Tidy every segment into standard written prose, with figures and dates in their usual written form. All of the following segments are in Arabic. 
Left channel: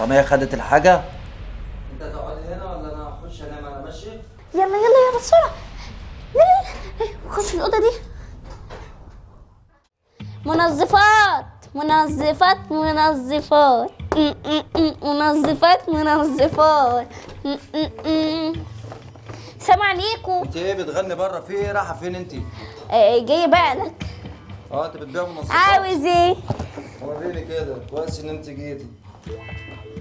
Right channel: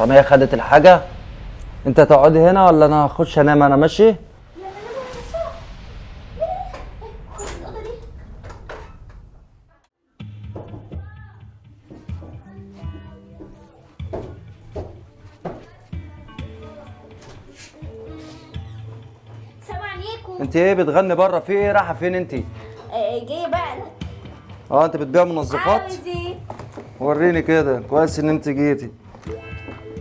حرامية خدت الحاجة. انت هتقعدي هنا ولا انا هخش انام؟ انا ماشي. يلا يلا يلا بسرعة. يلا خش الأوضة دي. منظفات منظفات منظفات منظفات منظفات. سلام عليكم. انت ايه بتغني بره؟ في ايه؟ رايحة فين انت؟ جاي بالك. انت بتبيع منظفات؟ عاوز ايه؟ وريني كده. كويس ان انت جيتي.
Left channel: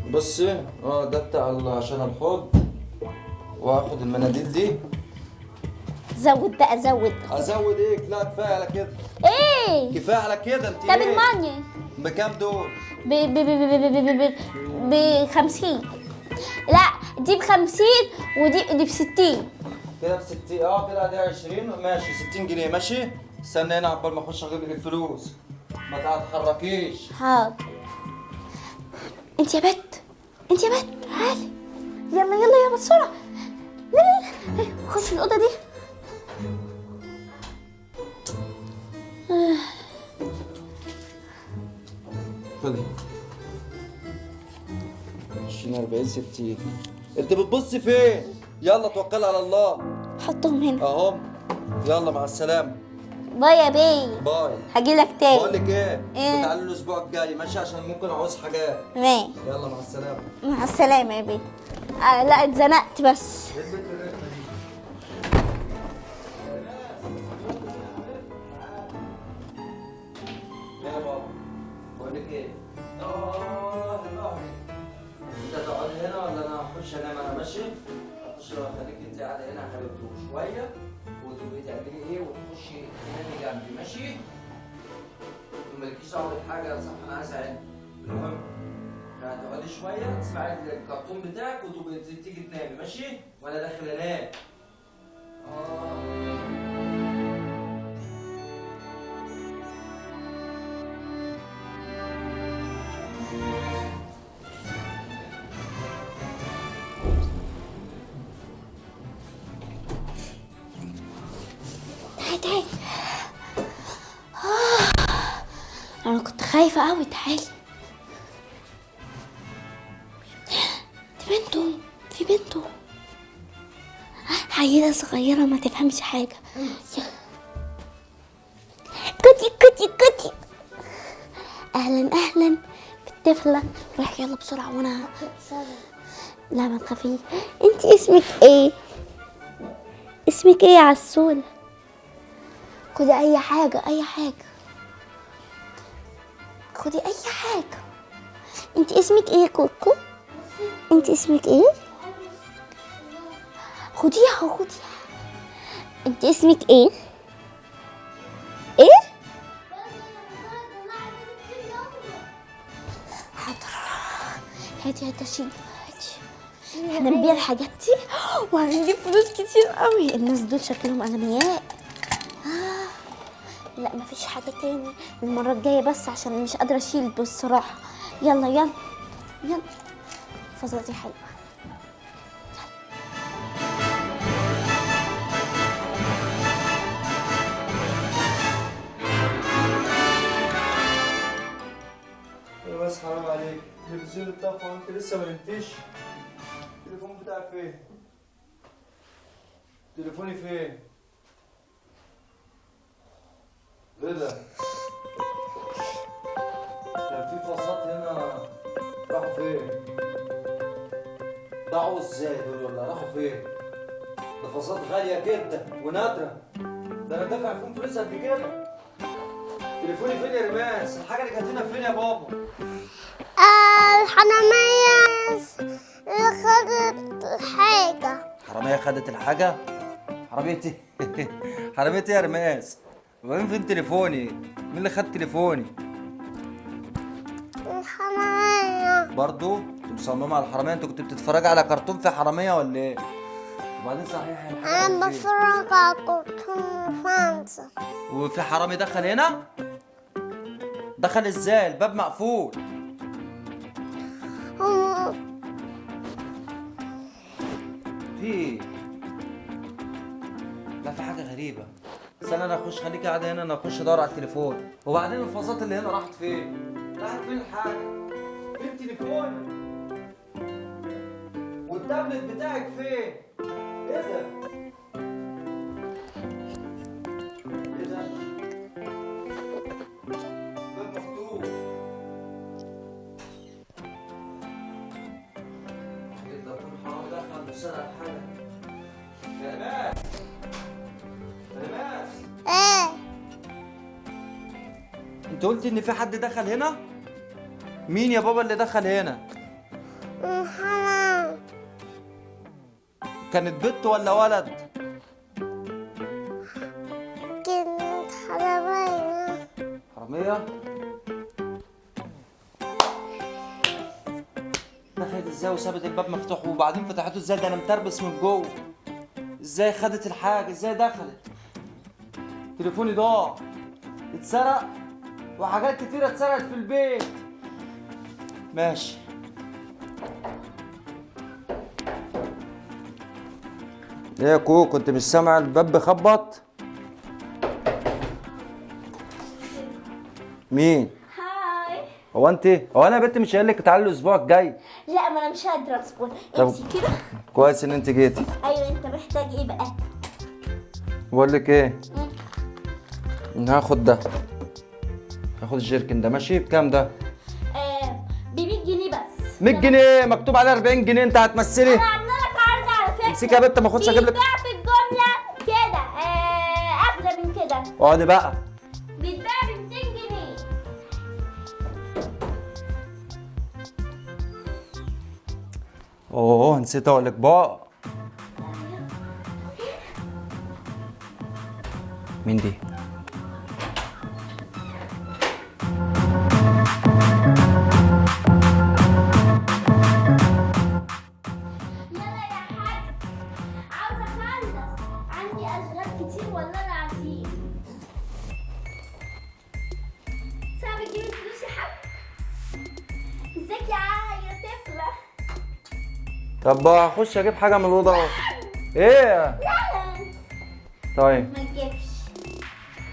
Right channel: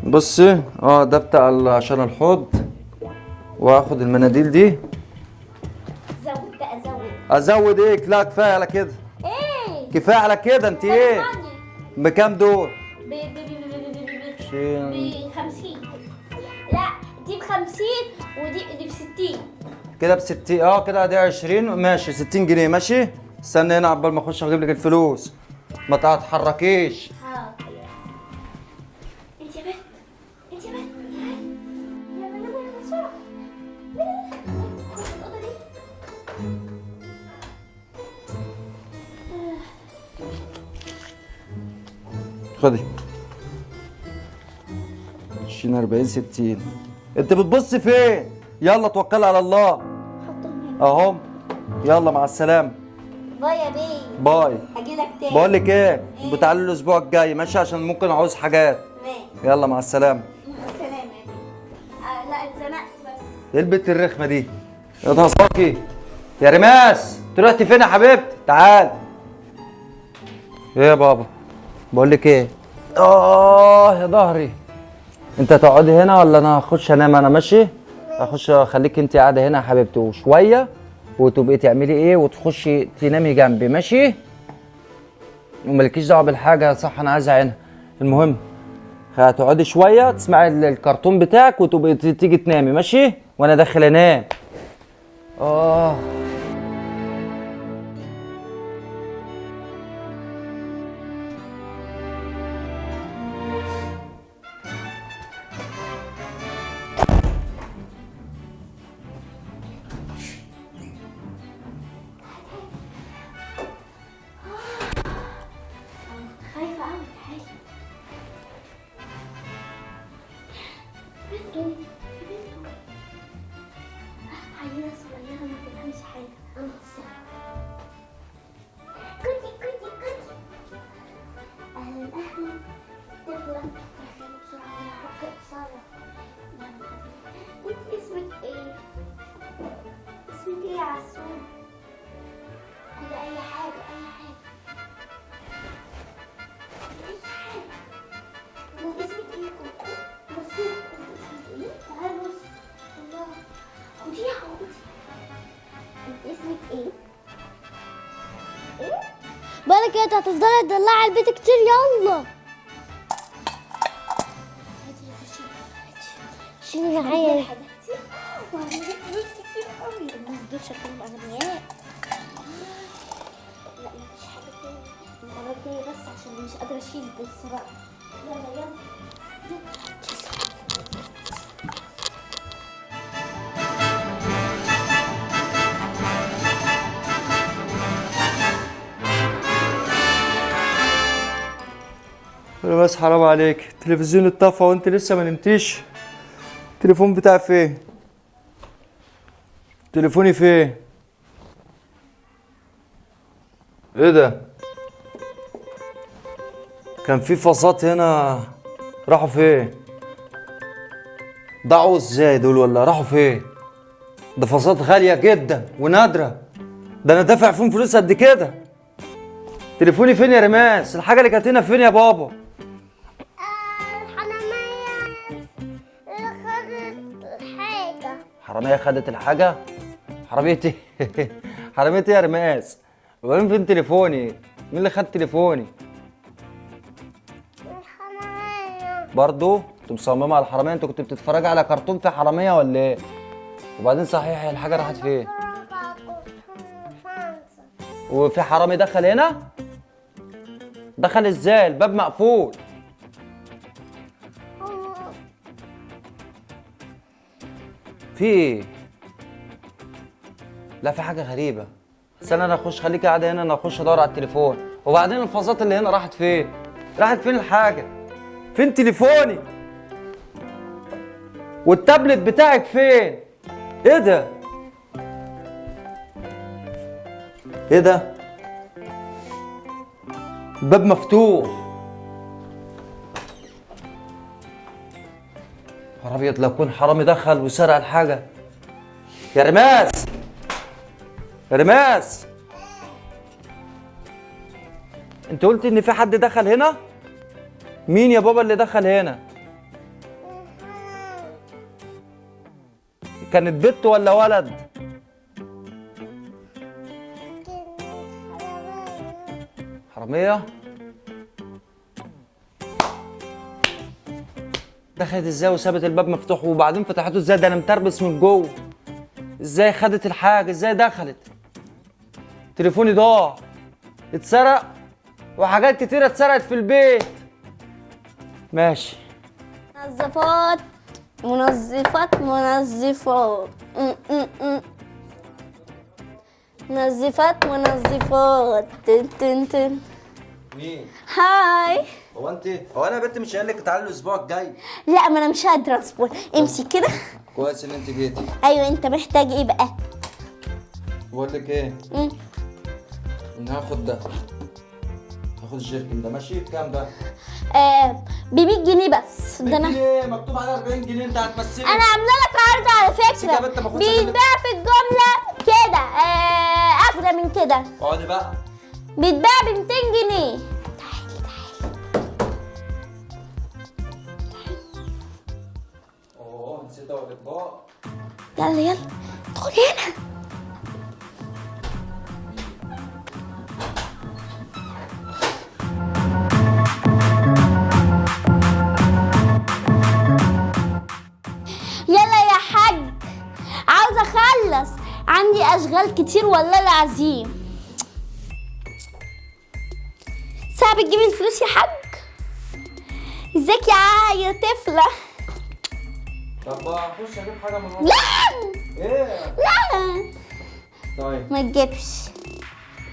بصي ده بتاع عشان الحوض، واخد المناديل دي. زود بقى زود. ازود ايه؟ لا كفايه على كده. ايه؟ كفايه على كده. انت طب ايه؟ الماني بكام دول؟ ب 50. لا دي ب 50 ودي ب 60. كده ب 60. كده دي 20. ماشي 60 جنيه. ماشي. استنى هنا عقبال ما اخش اجيب لك الفلوس. ما تتحركيش. حاضر. انت يا بت، انت يا بت تعالي. يلا يلا يلا بسرعة. يلا يلا خش الأوضة دي. خدي 20 40 60. انت بتبصي فين؟ يلا توكلي على الله. حطهم هنا. اهو. يلا مع السلامه. باي يا بيه. باي. هجيلك تاني. بقول لك ايه؟ إيه؟ بتعالي الاسبوع الجاي ماشي؟ عشان ممكن اعوز حاجات. ماشي. يلا مع السلامه. مع السلامة يا بيه. لا اتزنقت بس. ايه البت الرخمه دي؟ يا ضهصاكي يا رماس، انت رحتي فين يا حبيبتي؟ تعال. ايه يا بابا؟ بقول لك ايه؟ يا ظهري. انت هتقعدي هنا ولا انا هخش انام؟ انا ماشي. هخش اخليك انت قاعده هنا يا حبيبتي وشويه، وتبقي تعملي ايه وتخشي تنامي جنبي. ماشي؟ ومالكيش دعوه بالحاجه. صح انا عايز عينها. المهم هتقعدي شويه تسمعي الكرتون بتاعك وتبقي تيجي تنامي. ماشي؟ وانا داخل انام. تعالي تعالي. انا كنت خايفة قوي. تعالي. دي بنته. في بنته عيلة صغيرة ما تفهمش حاجة. كوتي كوتي كوتي. اهلا اهلا بالطفلة. روح يلا بسرعة وانا. لا ما تخافيش. انت اسمك ايه؟ اسمك ايه يا عسولة؟ خدي اي حاجة اي حاجة. خدي اي حاجة. انت اسمك ايه يا كوكو؟ انت اسمك ايه؟ خديها خديها. انت اسمك ايه؟ ايه؟ بالك انت هتفضلي تدلعي البيت كتير. يلا حاضر. هاتي هاتي شيلي معايا الحاجات دي وهنجيب فلوس كتير قوي. الناس دول شكلهم اغنياء. لا مفيش حاجة تاني المرة الجاية بس عشان مش قادرة اشيل بصراحة. يلا يلا يلا. فزازي حلوة. بس حرام عليك، التلفزيون اتطفى وانت لسه ما نمتيش. التليفون بتاعي فين؟ تليفوني فين؟ ايه ده؟ كان في فاصات هنا، راحوا فين؟ ضاعوا ازاي دول ولا راحوا فين؟ ده فاصات غالية جدا ونادرة، ده انا دافع فيهم فلوس قد كده. تليفوني فين يا رماس؟ الحاجة اللي كانت هنا فين يا بابا؟ الحرامية خدت حاجة. حرامية خدت الحاجة؟ حرامية ايه؟ حرامية ايه يا رماس؟ وبعدين فين تليفوني؟ مين اللي خد تليفوني؟ الحرامية. برضو؟ انت مصممة على الحرامية؟ انت كنت بتتفرج على كرتون في حرامية ولا ايه؟ وبعدين صحيح الحاجة راحت أنا فين؟ بتفرج على كرتون فرنسا. وفي حرامي دخل هنا؟ دخل ازاي؟ الباب مقفول. هو في ايه؟ لا في حاجة غريبة. استنى انا اخش، خليكي قاعدة هنا، انا اخش ادور على التليفون. وبعدين الفازات اللي هنا راحت فين؟ راحت فين الحاجة؟ فين تليفوني؟ والتابلت بتاعك فين؟ ايه ده؟ ايه ده؟ الباب مفتوح. يا ابيض، لو كون حرامي دخل وسرق الحاجه. يا رماس، يا رماس، ايه؟ انت قلت ان في حد دخل هنا؟ مين يا بابا اللي دخل هنا؟ حرام. كانت بنت ولا ولد؟ كنت حرامية. حراميه؟ دخلت ازاي وسابت الباب مفتوح وبعدين فتحته ازاي؟ ده انا متربس من جوه. ازاي خدت الحاجه؟ ازاي دخلت؟ تليفوني ضاع، اتسرق، وحاجات كتيره اتسرقت في البيت. ماشي. منظفات منظفات منظفات. ايه يا كوكو، كنت مش سامع الباب بيخبط؟ منظفات منظفات. تن تن تن. مين؟ هاي. هو انا يا بنت مش قايل لك تعالي الاسبوع الجاي؟ لا، ما انا مش قادره اصبر. امشي كده. كويس ان انت جيتي. ايوه، انت محتاج ايه بقى؟ بقول لك ايه، هاخد ده، هاخد الجيركن ده. ماشي بكام ده؟ ب 100 جنيه بس. 100 جنيه مكتوب عليه 40 جنيه، انت هتمثلي؟ انا عامله لك عرض على فكره. امسكي يا بنت، ما اخدش اجيب لك. بيتباع في الجمله كده اغلى من كده. اقعدي بقى. بيتباع ب 200 جنيه. اوه نسيت اقول لك بقى. يلا يلا ادخلي هنا. مين دي؟ يلا يا حاج، عاوزه اخلص، عندي اشغال كتير والله العظيم. ساعة بتجيبي الفلوس يا حاج؟ ازيك يا طفله؟ طب هخش اجيب حاجه من الاوضه. ايه؟ لا طيب ما تجيبش.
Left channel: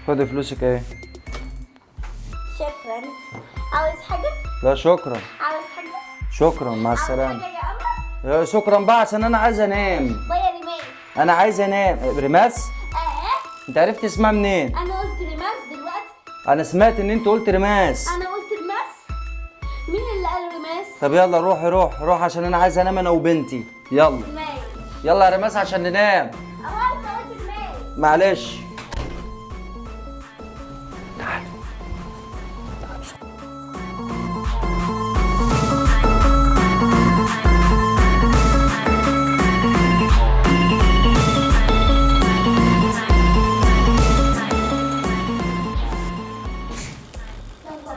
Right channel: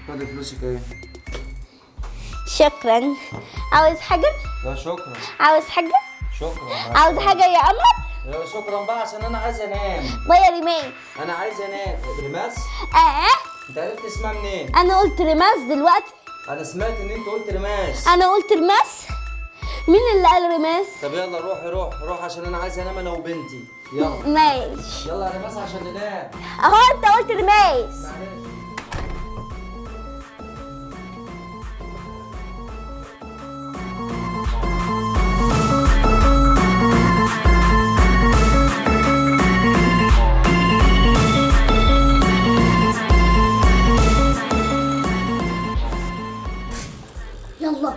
خدي فلوسك اهي. شكرا. عاوز حاجه؟ لا شكرا. عاوز حاجه؟ شكرا، مع عاوز السلامه. حاجه يا قمر؟ شكرا بقى عشان انا عايز انام. ويا ريماس. انا عايز انام. رماس؟ انت عرفت اسمها منين؟ انا قلت ريماس دلوقتي. انا سمعت ان انت قلت رماس. انا قلت ريماس. مين اللي قال ريماس؟ طب يلا روحي روح عشان انا عايز انام انا وبنتي. يلا ماشي. يلا يا رماس عشان ننام. اهو انت قلت ريماس. معلش. يلا.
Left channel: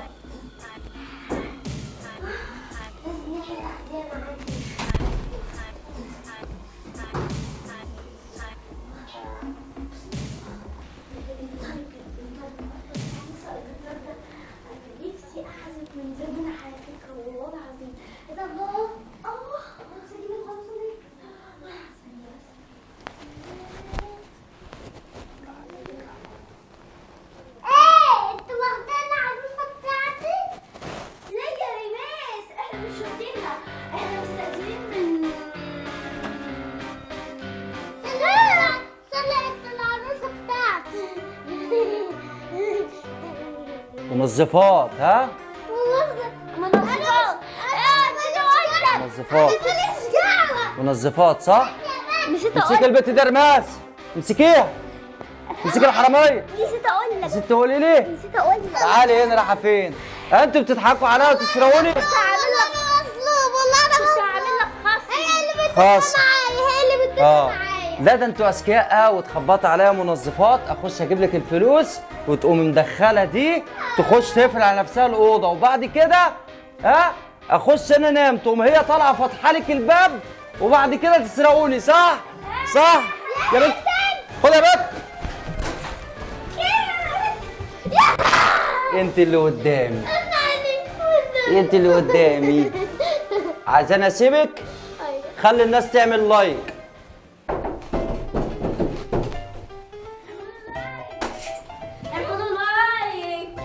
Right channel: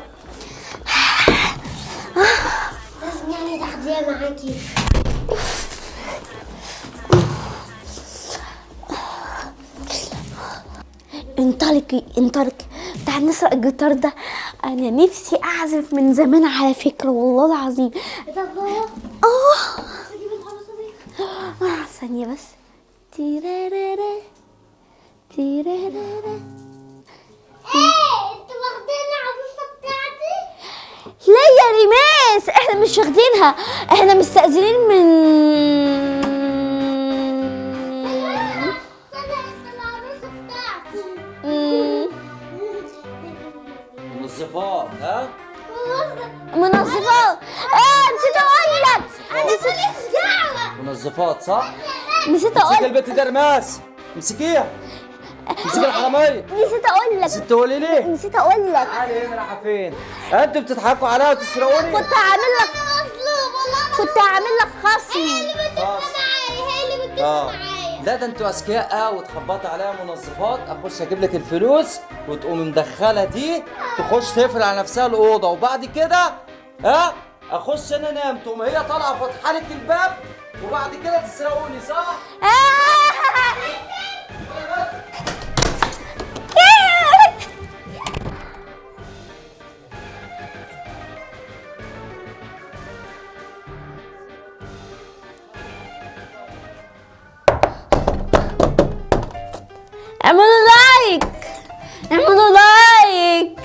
لازم نعمل تغذية معاكي. انطلقي انطلقي، تعال نسرق الجيتار ده. انا نفسي اعزف من زمان على فكرة والله العظيم. ثانية بس. تيرارارا تيرارارا. انتوا واخدين العروسة بتاعتي؟ لا يا ريماس، احنا مش واخدينها، احنا مستأذنين من منظفات. ها؟ منظفات. نسيت اقول لك. منظفات. منظفات صح؟ نسيت امسكي اقول البت دي يا رماس، امسكيها. امسكي الحرامية. نسيت اقول لك. نسيت تقولي ليه؟ نسيت اقول لك. تعالي هنا، رايحة فين؟ انتوا بتضحكوا عليا وتسرقوني؟ كنت هعمل لك مظلوم والله. كنت هعمل لك خصم. هي اللي خاص. معايا، هي اللي بتدافع معايا. لا ده انتوا اذكياء وتخبطوا عليا منظفات. اخش اجيب لك الفلوس وتقوم مدخله دي تخش تقفل على نفسها الاوضه، وبعد كده اخش انا انام، تقوم هي طالعه فاتحه لك الباب، وبعد كده تسرقوني. صح؟ صح يا بنت. خد يا بنت. انت اللي قدامي، انت اللي قدامي. عايزاني اسيبك؟ خلي الناس تعمل لايك. اعملوا لايك، اعملوا لايك.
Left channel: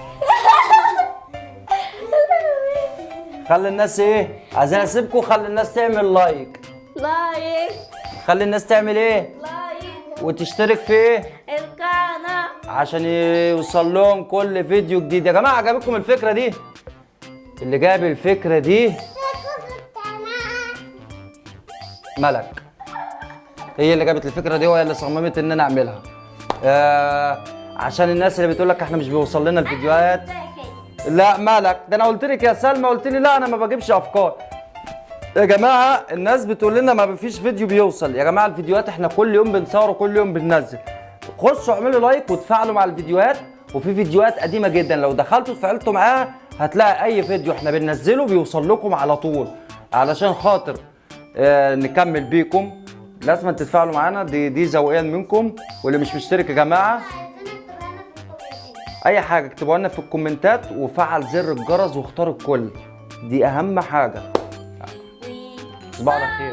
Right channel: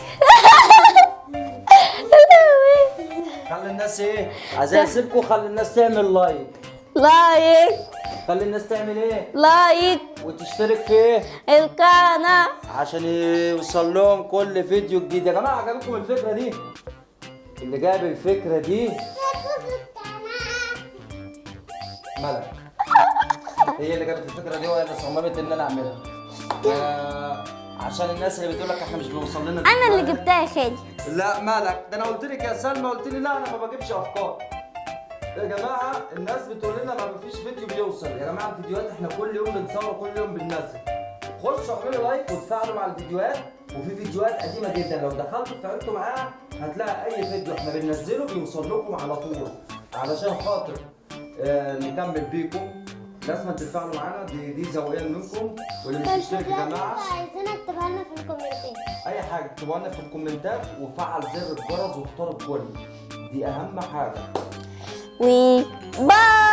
خلي الناس ايه؟ عايزاني اسيبكم، خلي الناس تعمل لايك. لايك خلي الناس تعمل ايه؟ لايك وتشترك في ايه؟ القناة عشان يوصل لهم كل فيديو جديد. يا جماعه عجبتكم الفكره دي؟ اللي جاب الفكره دي ملك، هي اللي جابت الفكره دي وهي اللي صممت ان انا اعملها. عشان الناس اللي بتقول لك احنا مش بيوصل لنا انا الفيديوهات. اللي جبتها يا خالي. لا مالك، ده انا قلت لك يا سلمى، قلت لي لا انا ما بجيبش افكار. يا جماعه الناس بتقول لنا ما فيش فيديو بيوصل. يا جماعه الفيديوهات احنا كل يوم بنصور وكل يوم بننزل. خشوا اعملوا لايك وتفاعلوا مع الفيديوهات، وفي فيديوهات قديمه جدا لو دخلتوا اتفاعلتوا معاها هتلاقي اي فيديو احنا بننزله بيوصل لكم على طول. علشان خاطر نكمل بيكم لازم تتفاعلوا معانا، دي ذوقيا منكم. واللي مش مشترك يا جماعه اي حاجه اكتبوها لنا في الكومنتات، وفعل زر الجرس واختار الكل، دي اهم حاجه. باي.